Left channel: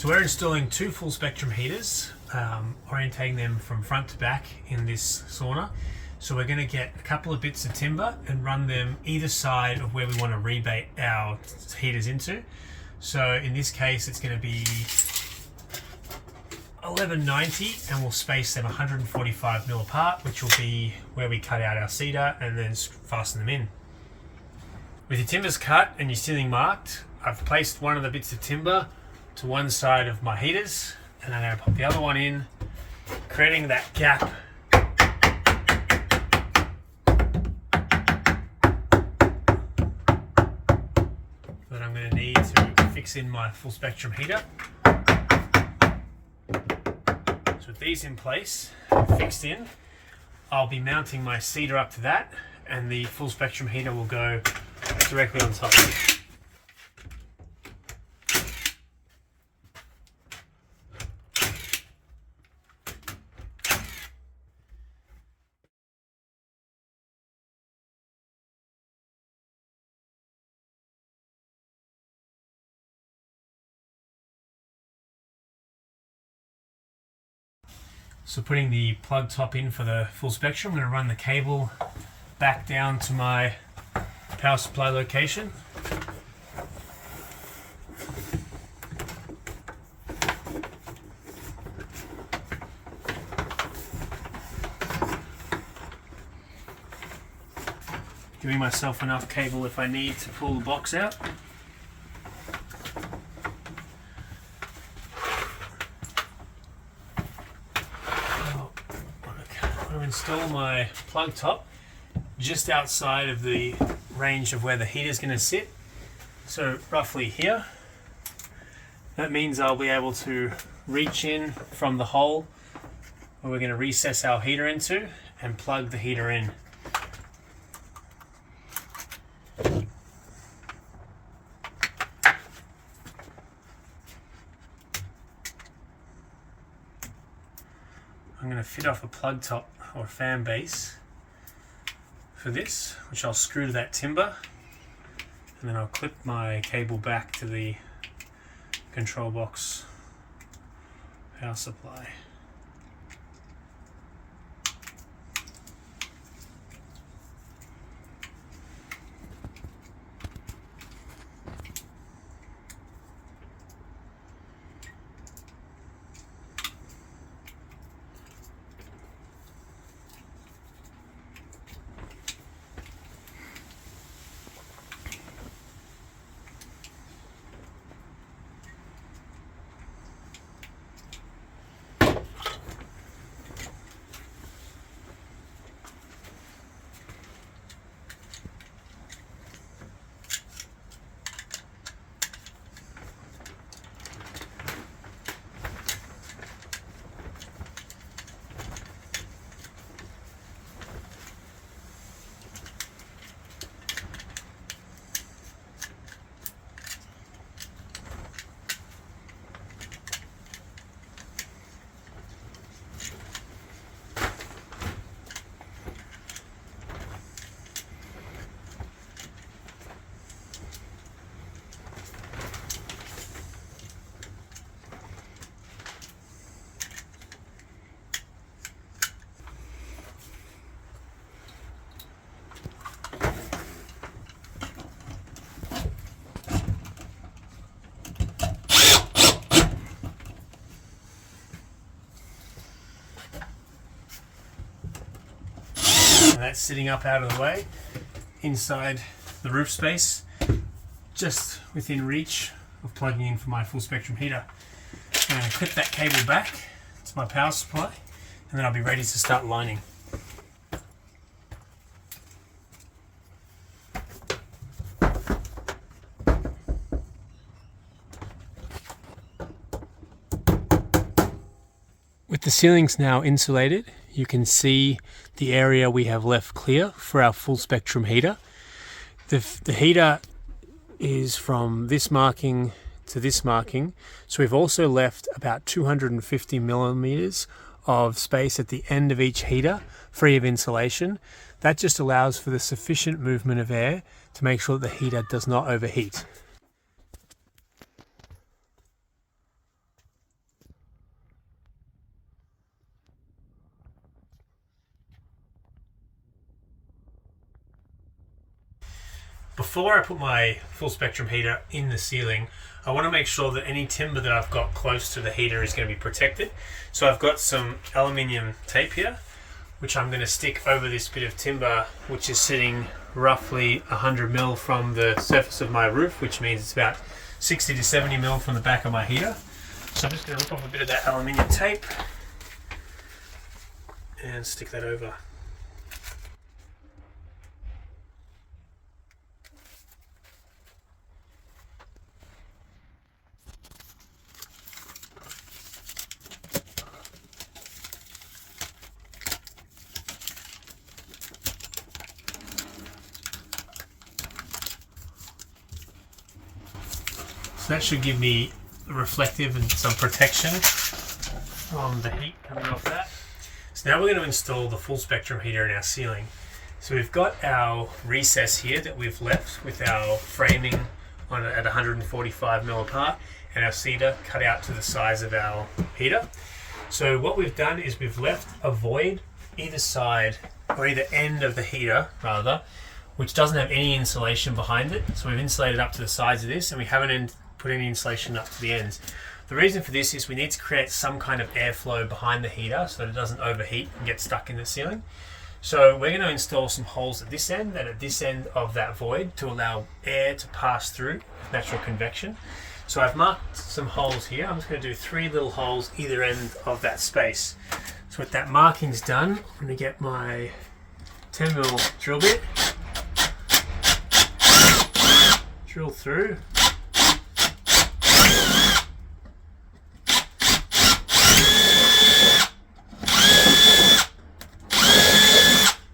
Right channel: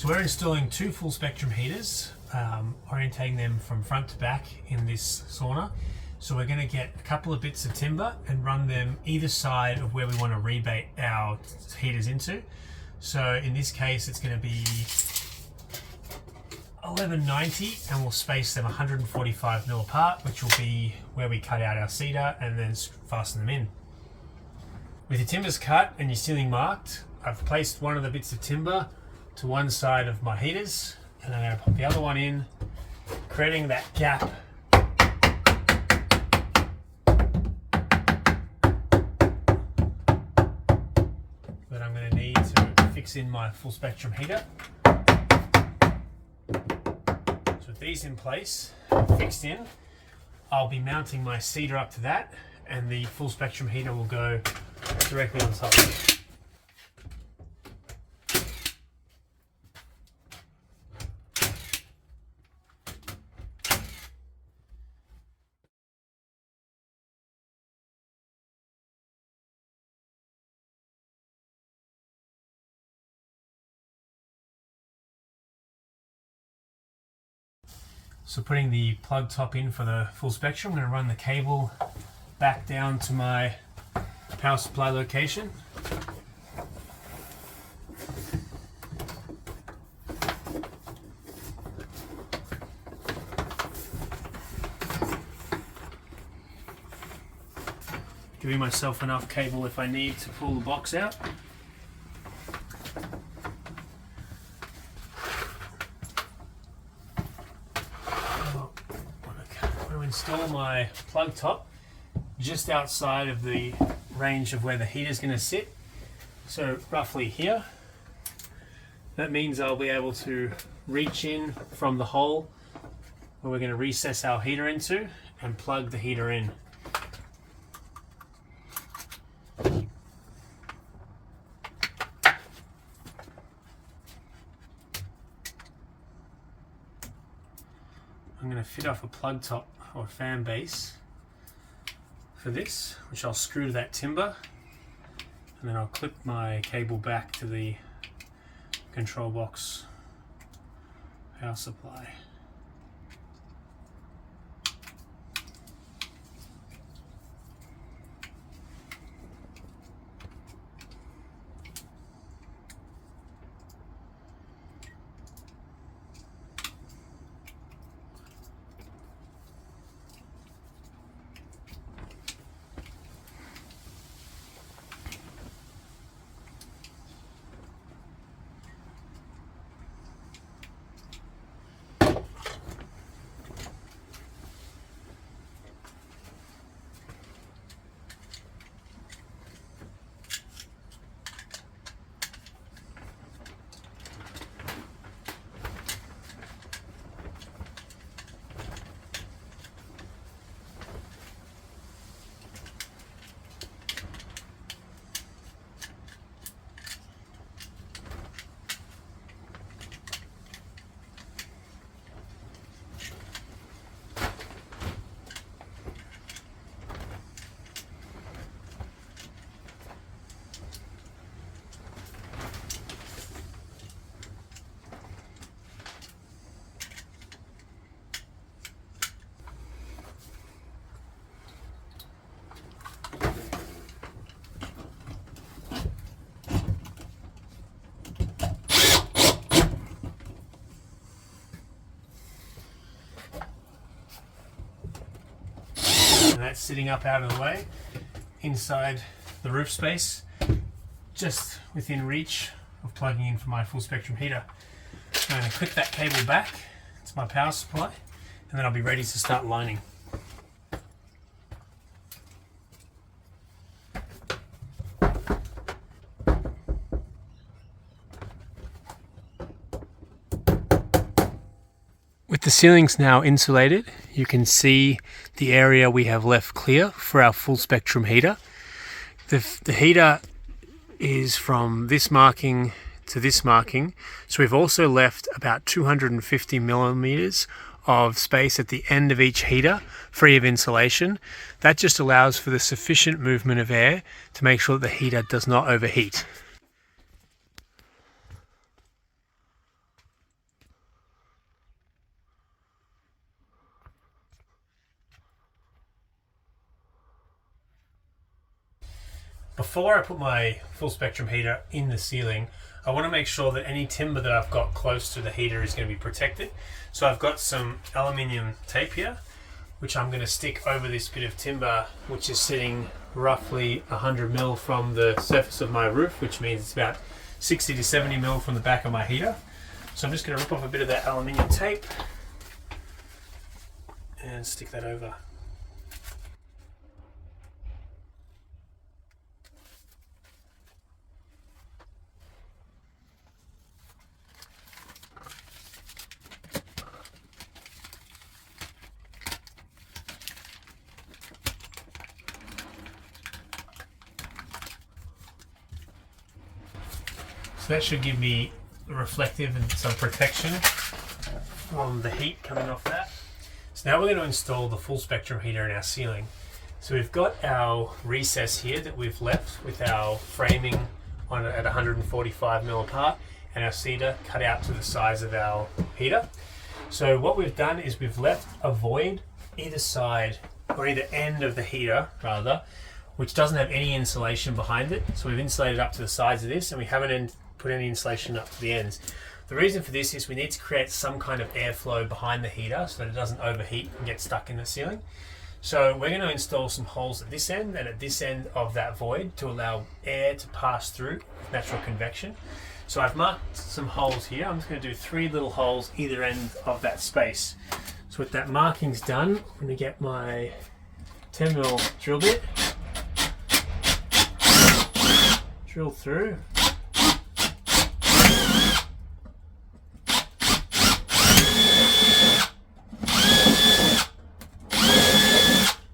So we're installing two full spectrum heaters, orientating them from front to back in this sauna. So we're going to get a couple of bits of timber and run them either side of where we want to rebate our heaters into. So in this case it's going to be 1190, and we'll space them 145mm apart, which will be where we cut out our cedar and then fasten them in. With your timbers cut and your ceiling marked, I've placed one of the bits of timber to one side of my heaters, and I'm going to pop the other one in, creating that gap that I'm going to need to fix in my full spectrum heater. So with these in place, fixed in, I'll be mounting my cedar up to that, and the full spectrum heater will go directly on top. So putting the plug top in for the full spectrum, I'm going to run the cable back down to my power supply location. Giving myself enough cable if I need to pull the box out. Install my plug top just outside of the range of where the heater is going to sit, so roughly here. That means I'll be able to reach in from the hole where we're going to recess our heater into and plug the heater in. I'm going to fit off a plug top or fan base for this, which I'll screw to that timber, and then I'll clip my cable back to the control box power supply. And that's sitting up out of the way inside the roof space, just within reach of plugging in for my full spectrum heater. I'm going to clip that cable back to my power supply, and then I'll be ready to start lining. With the ceilings now insulated, you can see the area we have left clear for our full spectrum heater. The heater is from this marking to this marking, so we've also left about 250 millimeters of space at the end of each heater free of insulation. That just allows for the sufficient movement of air to make sure that the heater does not overheat. Before I put my full spectrum heater in the ceiling, I want to make sure that any timber that I've got close to the heater is going to be protected. So I've got some aluminium tape here, which I'm going to stick over this bit of timber, which is sitting roughly 100 mil from the surface of my roof, which means it's about 60 to 70 mil from the back of my heater. So I'm just going to rip off a bit of that aluminium tape and stick that over. So that should give me reflective and some protection from the heat coming off that. So now we're going to install the full spectrum heater in our ceiling. So we've got our recess here that we've left with our framing on at 145 mil apart and our cedar cut out to the size of our heater. So what we've done is we've left a void either side or either end of the heater rather, which doesn't have any insulation behind it. So we've insulated up to the sides of this and we haven't put any insulation up to the ends. The reason for this is we need to create some kind of airflow behind the heater so that it doesn't overheat and get stuck in the ceiling. So we're going to install some holes at this end and at this end of that void to allow air to pass through with natural convection. So I've marked some holes here. I'm just going to do 3 little holes either end of that space. So with that marking's done, I'm going to get my 10 mil drill bit, drill through.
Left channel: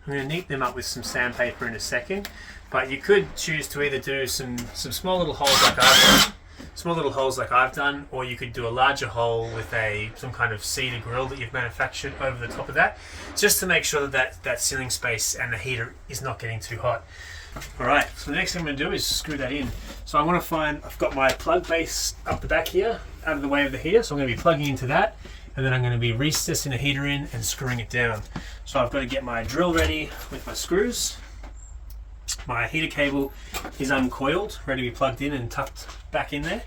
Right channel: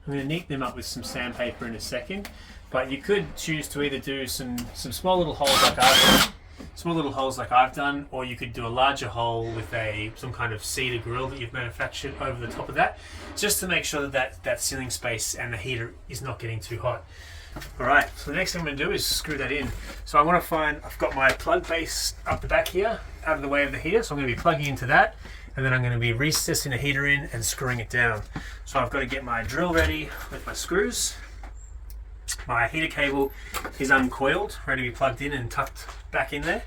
I'm going to neat them up with some sandpaper in a second, but you could choose to either do some small little holes like I've done, or you could do a larger hole with some kind of cedar grill that you've manufactured over the top of that, just to make sure that ceiling space and the heater is not getting too hot. Alright, so the next thing I'm going to do is screw that in. So I want to I've got my plug base up the back here, out of the way of the heater, so I'm going to be plugging into that, and then I'm going to be recessing the heater in and screwing it down. So I've got to get my drill ready with my screws. My heater cable is uncoiled, ready to be plugged in and tucked back in there,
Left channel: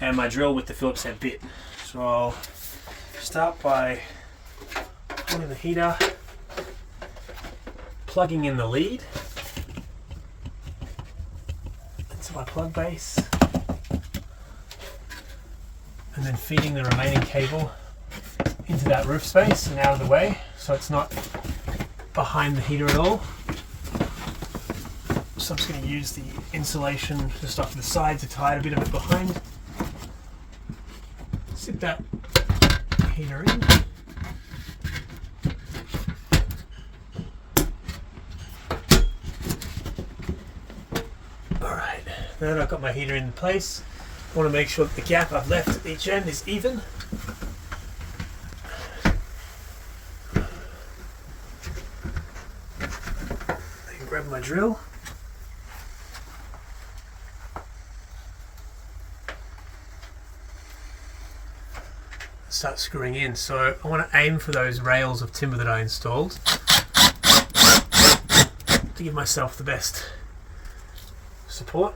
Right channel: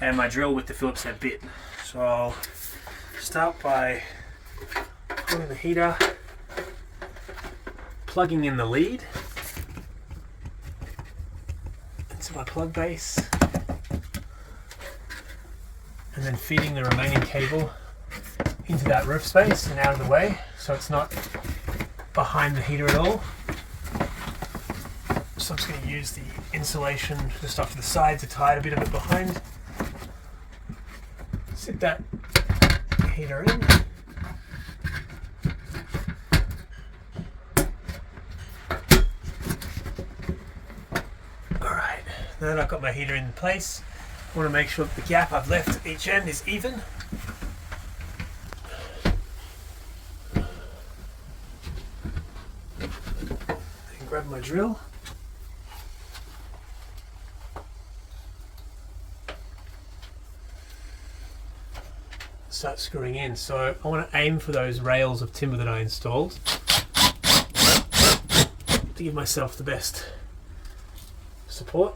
and my drill with the Phillips head bit. So I'll start by pulling the heater, plugging in the lead into my plug base, and then feeding the remaining cable into that roof space and out of the way so it's not behind the heater at all. So I'm just going to use the insulation just off to the side to tie a bit of it behind. Sit that heater in. Alright, now that I've got my heater in place, I want to make sure that the gap I've left at each end is even. Grab my drill. Start screwing in. So I want to aim for those rails of timber that I installed to give myself the best support.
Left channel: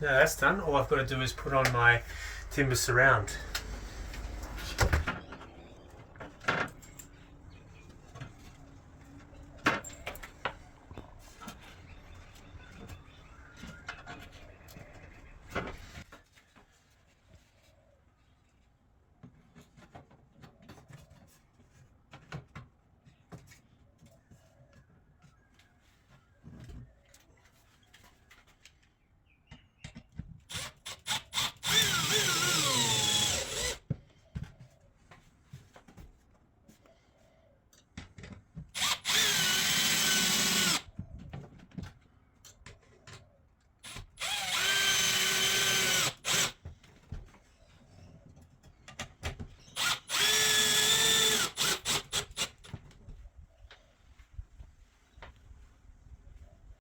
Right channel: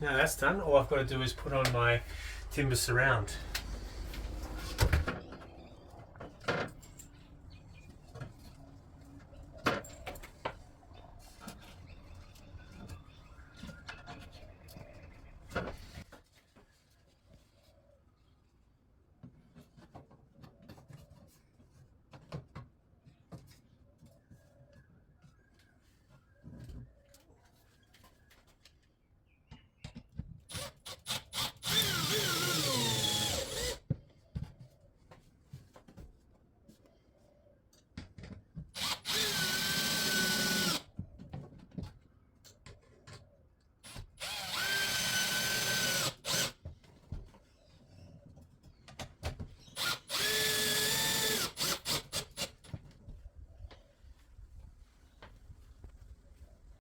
Now that's done, all I've got to do is put on my timber surround.